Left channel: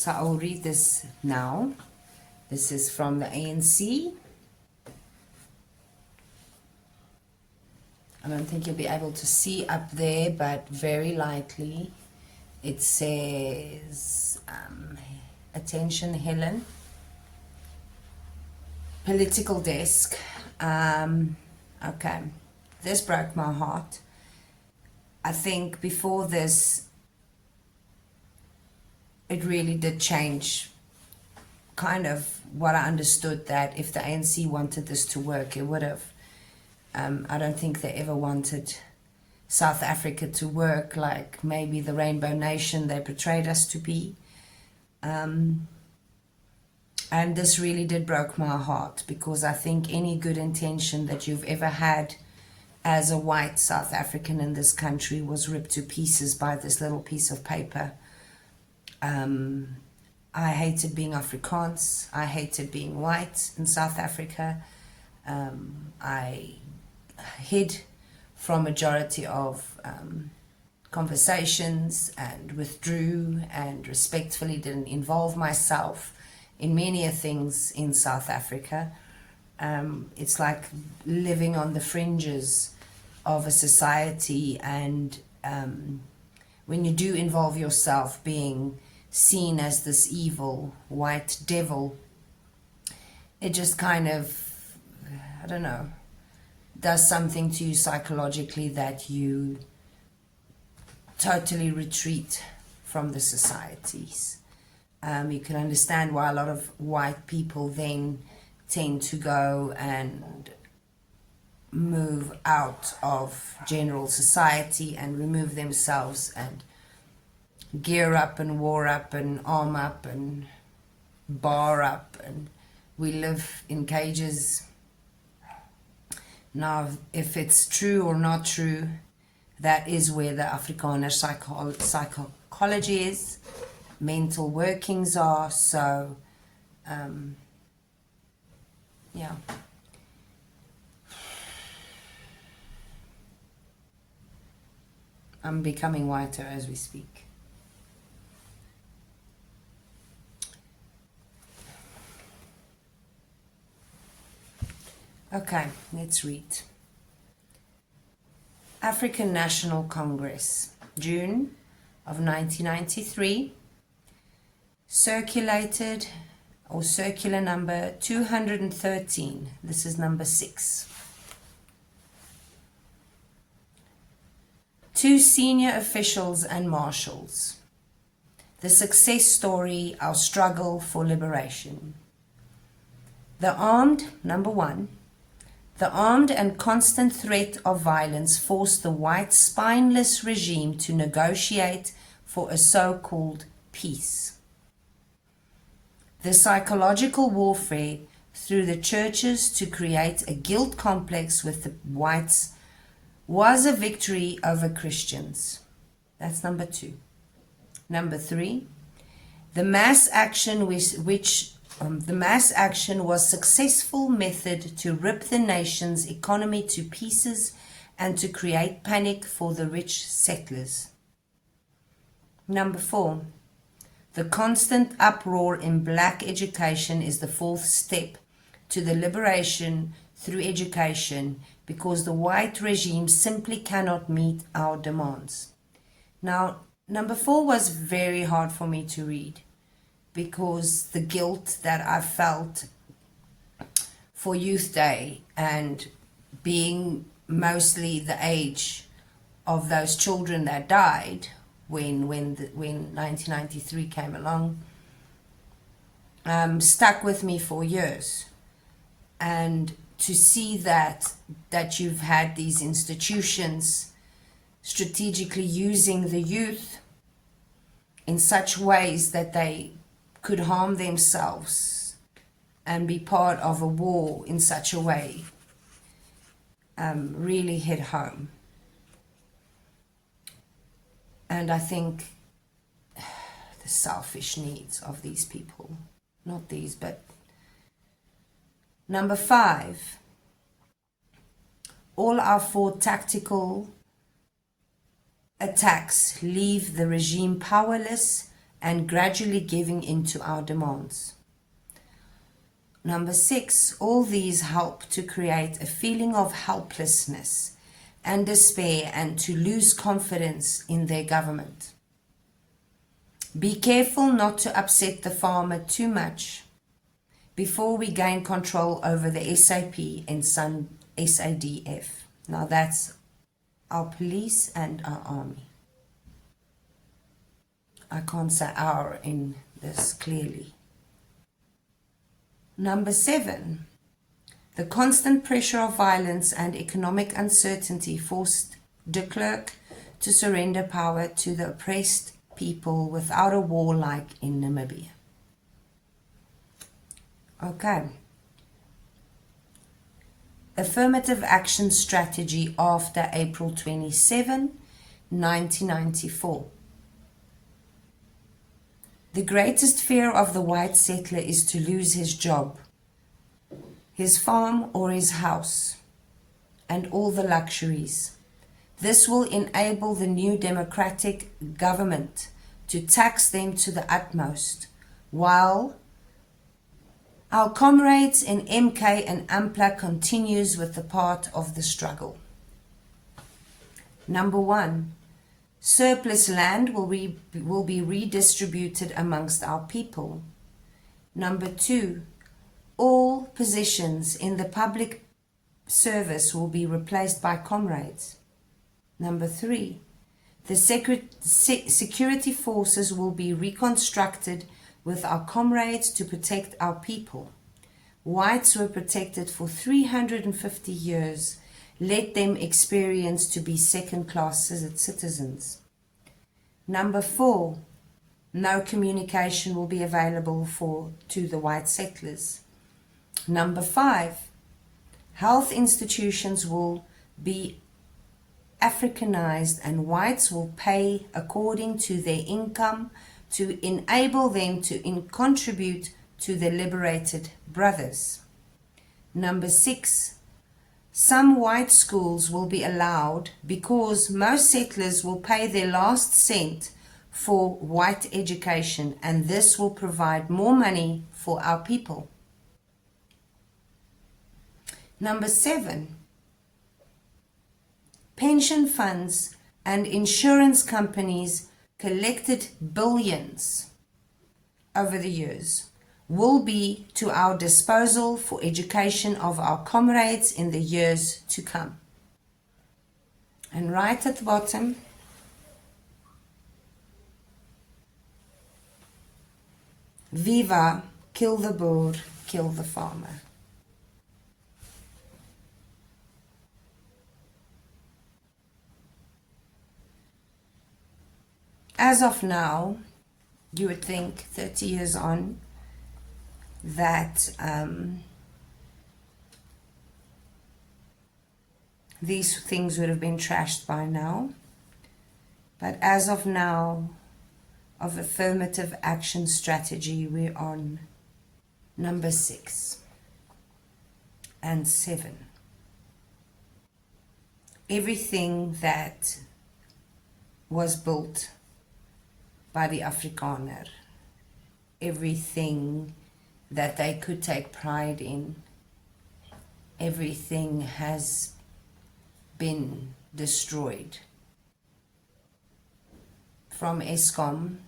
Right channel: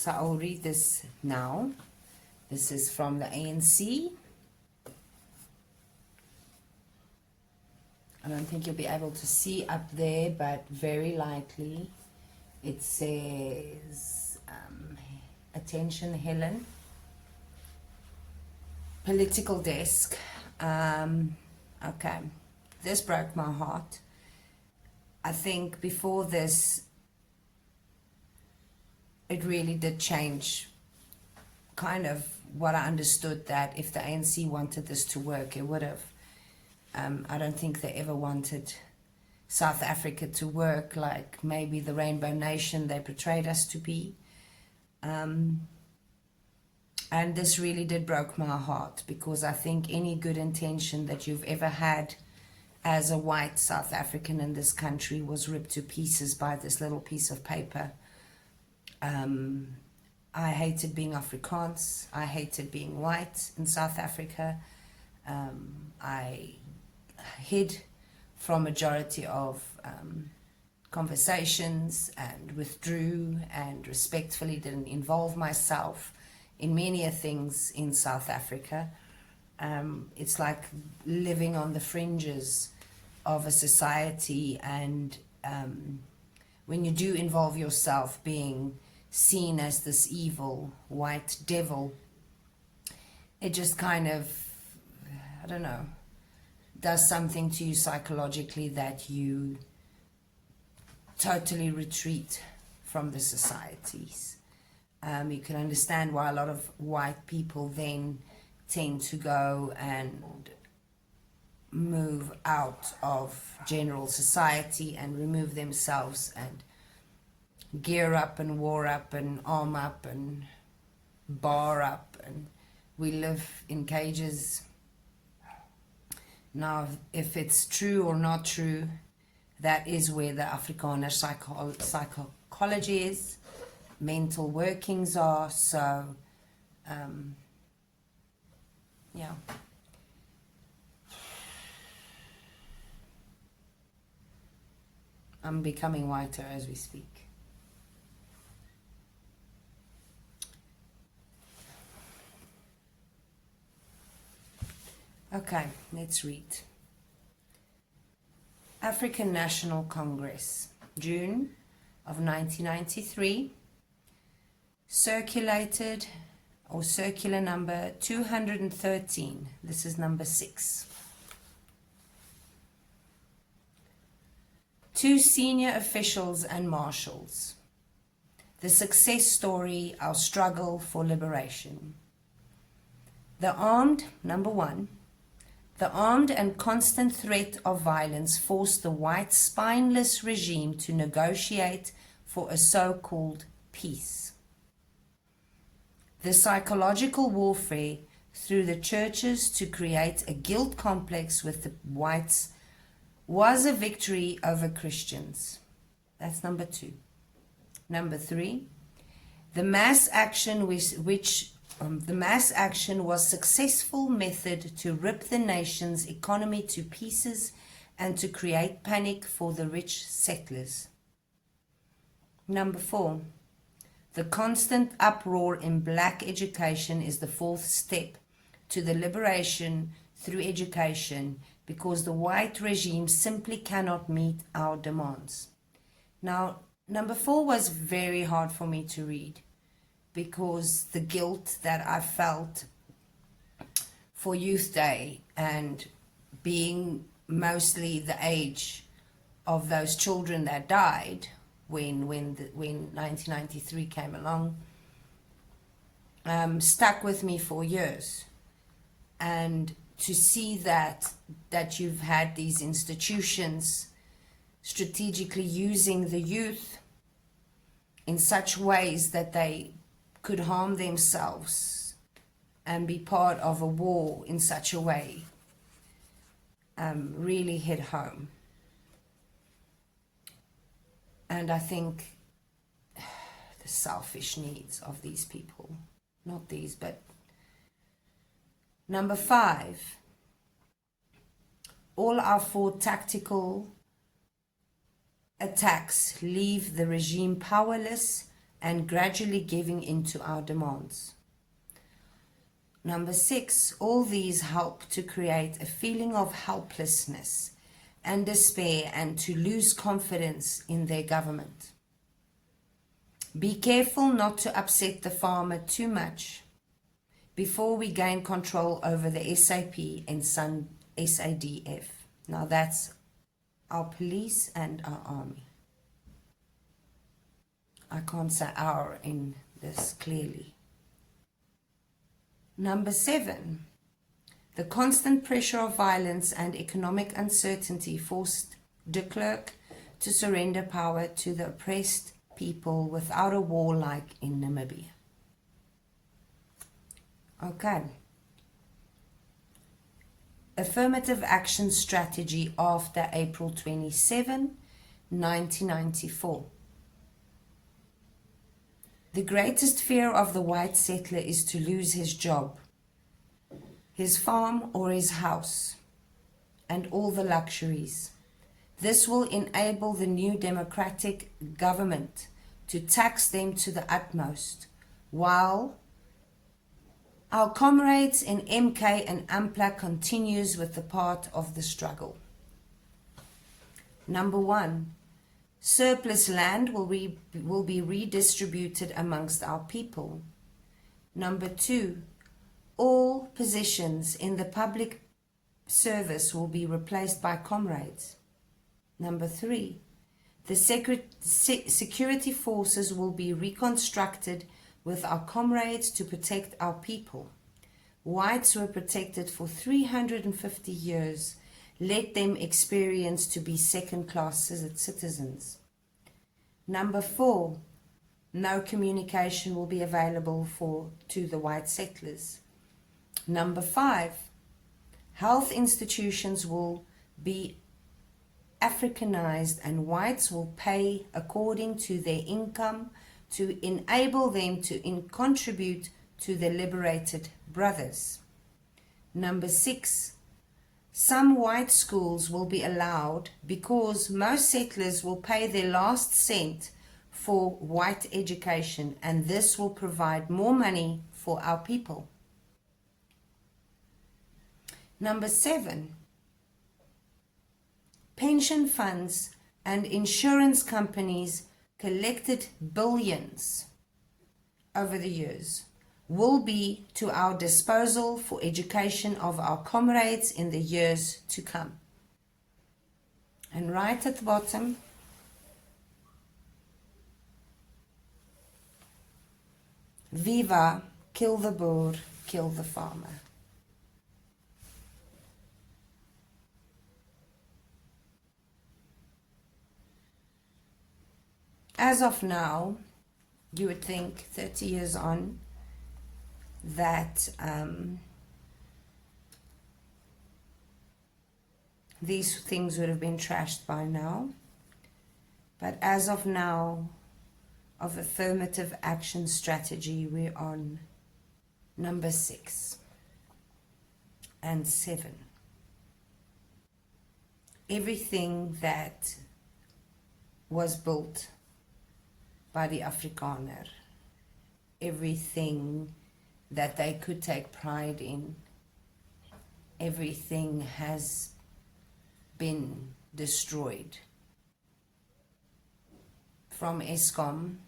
So I'll read this now. This is from the ANC. I don't think you'll be able to see up there, but very lightly it says, attention Helen, political desk. Okay, this broke my heart. I think before this, it really did change kind of what I understood, that if the ANC wanted this to work, it would have. I don't think they ever wanted South Africa to work like maybe the Rainbow Nation they portrayed us to be. And this really did broke my heart, because I think any good intention that you've ever had as a white South African in this country was ripped to pieces by this little piece of paper. I hated being Afrikaans. I hated being white in South Africa. I hid from majority of conversations and withdrew and respectfully didn't involve myself in many things in South Africa. It's like living on the fringes of a society, and when you do involve yourself, being seen as this evil white devil, it just kind of, I don't know, does something to you psychologically that you totally retreat from the societies. You can understand why a lot of white people then tend to go and move out of general society and remove themselves and gear up and war up and arm up and bar up, and we live in cages. Now, if it's true or not true, that is where the Afrikaner psychology is, mental workings are. So, yeah. I'm becoming whiter as we speak. Okay, let's read. African National Congress, June of 1993, circulated, or circular number 213. This is number 6. To senior officials and marshals, the success story, our struggle for liberation. Number 1, the armed and constant threat of violence forced the white spineless regime to negotiate for a so-called peace. The psychological warfare through the churches to create a guilt complex with the whites was a victory over Christians. That's number 2. Number 3, the mass action the mass action was successful method to rip the nation's economy to pieces and to create panic for the rich settlers. Number 4, the constant uproar in black education is the 4th step to the liberation through education, because the white regime simply cannot meet our demands. Now, number 4 was very hard for me to read, because the guilt that I felt for Youth Day and being mostly the age of those children that died when 1993 came along, stuck with me for years. And to see that you've had these institutions strategically using the youth in such ways that they could harm themselves and be part of a war in such a way, really hit home. And I think the selfish needs of these people, not these, but number 5, all our 4 tactical attacks leave the regime powerless and gradually giving in to our demands. Number 6, all these help to create a feeling of helplessness and despair and to lose confidence in their government. Be careful not to upset the farmer too much before we gain control over the SAP and SADF. Now that's our police and our army. I can't say our in this clearly. Number 7, the constant pressure of violence and economic uncertainty forced de Klerk to surrender power to the oppressed people without a war like in Namibia. Okay. Affirmative action strategy after April 27, 1994. The greatest fear of the white settler is to lose his job, his farm or his house, and all the luxuries. This will enable the new democratic government to tax them to the utmost, while our comrades in MK and AMPLA continues with the part of the struggle. Number 1, surplus land will be redistributed amongst our people. Number 2, all positions in the public service will be replaced by comrades. Number 3, the security forces will be reconstructed with our comrades to protect our people. Whites were protected for 350 years. Let them experience to be second-class citizens. Number 4, no communication will be available to the white settlers. Number 5, health institutions will be Africanized and whites will pay according to their income to enable them to contribute to the liberated brothers. Number 6, some white schools will be allowed because most settlers will pay their last cent for white education, and this will provide more money for our people. Number 7, pension funds and insurance companies collected billions over the years will be to our disposal for education of our comrades in the years to come. And right at the bottom, Viva, kill the boer, kill the farmer. As of now, you would think 30 years on that these things would have been trashed by now. But as of now, of affirmative action strategy, we're on number 6 and 7. Everything that was built by the Afrikaner, everything that they could take pride in, everything has been destroyed. From Eskom,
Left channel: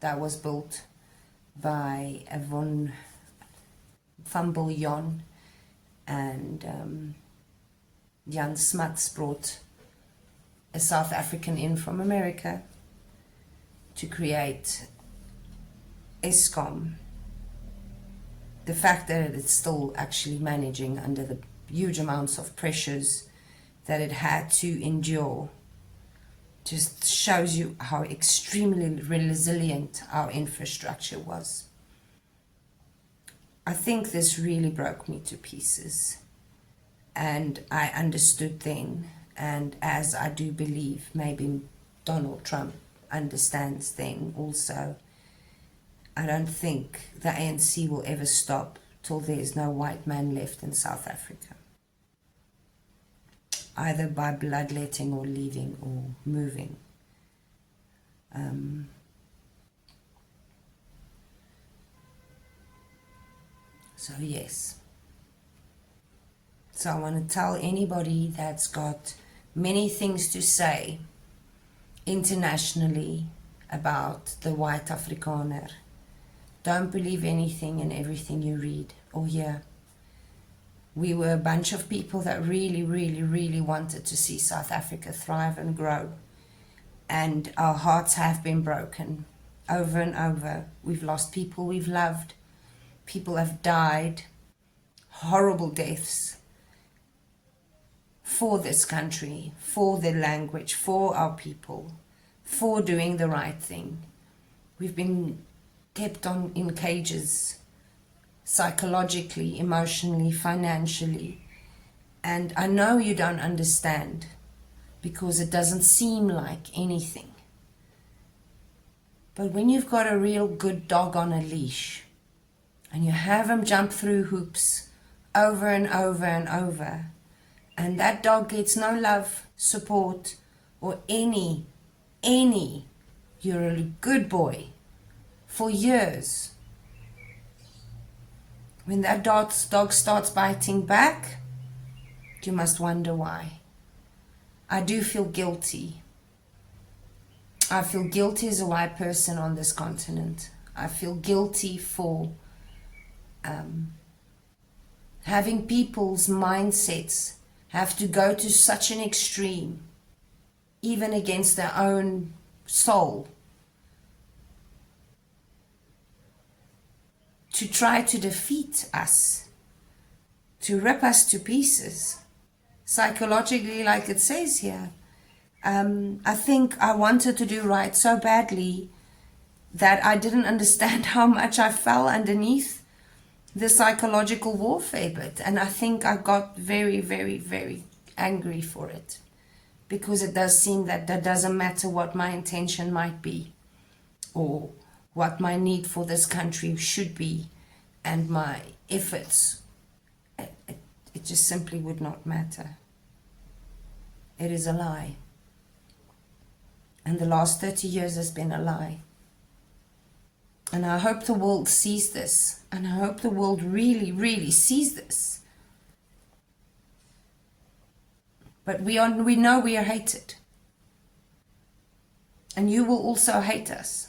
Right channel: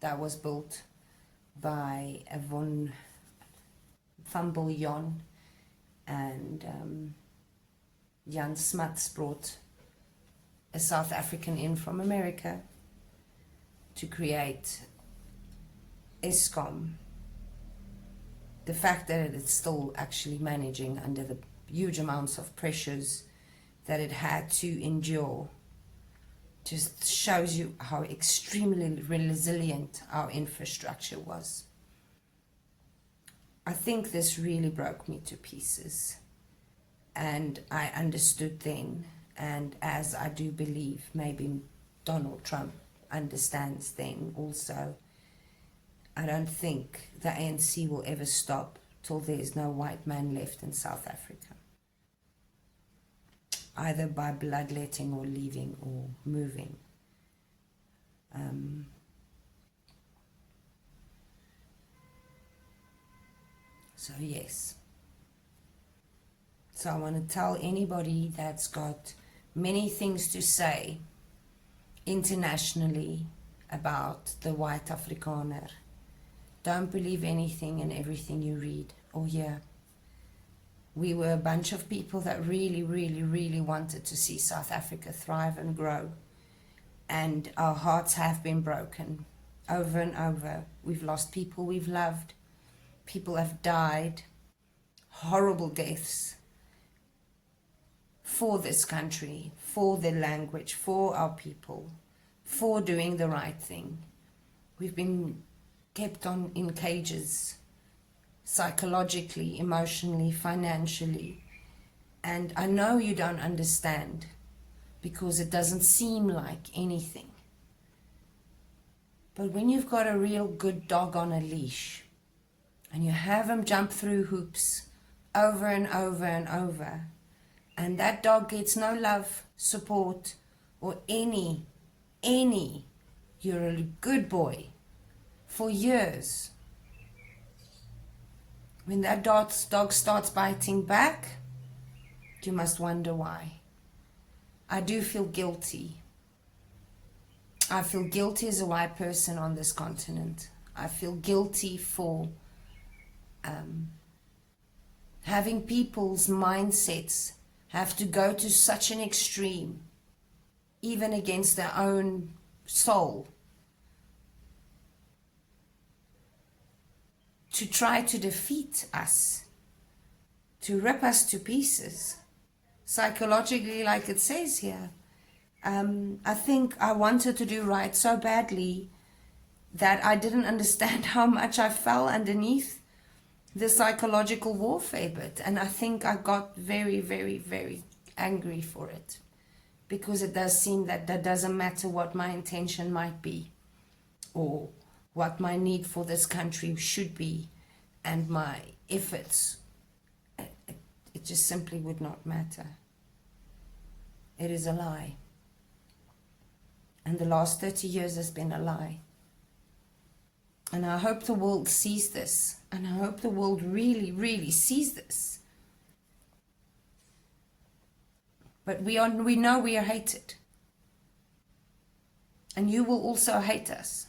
that was built by Van Biljon, and Jan Smuts brought a South African in from America to create Eskom. The fact that it's still actually managing under the huge amounts of pressures that it had to endure just shows you how extremely resilient our infrastructure was. I think this really broke me to pieces, and I understood then, and as I do believe maybe Donald Trump understands then also, I don't think the ANC will ever stop till there's no white man left in South Africa, either by bloodletting or leaving or moving. So yes. So I want to tell anybody that's got many things to say internationally about the white Afrikaner, don't believe anything and everything you read or hear. We were a bunch of people that really, really, really wanted to see South Africa thrive and grow. And our hearts have been broken over and over. We've lost people we've loved. People have died, horrible deaths, for this country, for their language, for our people, for doing the right thing. We've been kept in cages, psychologically, emotionally, financially. And I know you don't understand because it doesn't seem like anything. But when you've got a real good dog on a leash and you have him jump through hoops over and over and over, and that dog gets no love, support, or any, you're a good boy for years. When that dog starts biting back, you must wonder why. I do feel guilty. I feel guilty as a white person on this continent. I feel guilty for having people's mindsets have to go to such an extreme, even against their own soul, to try to defeat us, to rip us to pieces, psychologically, like it says here. I think I wanted to do right so badly that I didn't understand how much I fell underneath the psychological warfare bit. And I think I got very, very, very angry for it, because it does seem that doesn't matter what my intention might be or what my need for this country should be and my efforts. It just simply would not matter. It is a lie. And the last 30 years has been a lie. And I hope the world sees this. And I hope the world really, really sees this. But we know we are hated. And you will also hate us.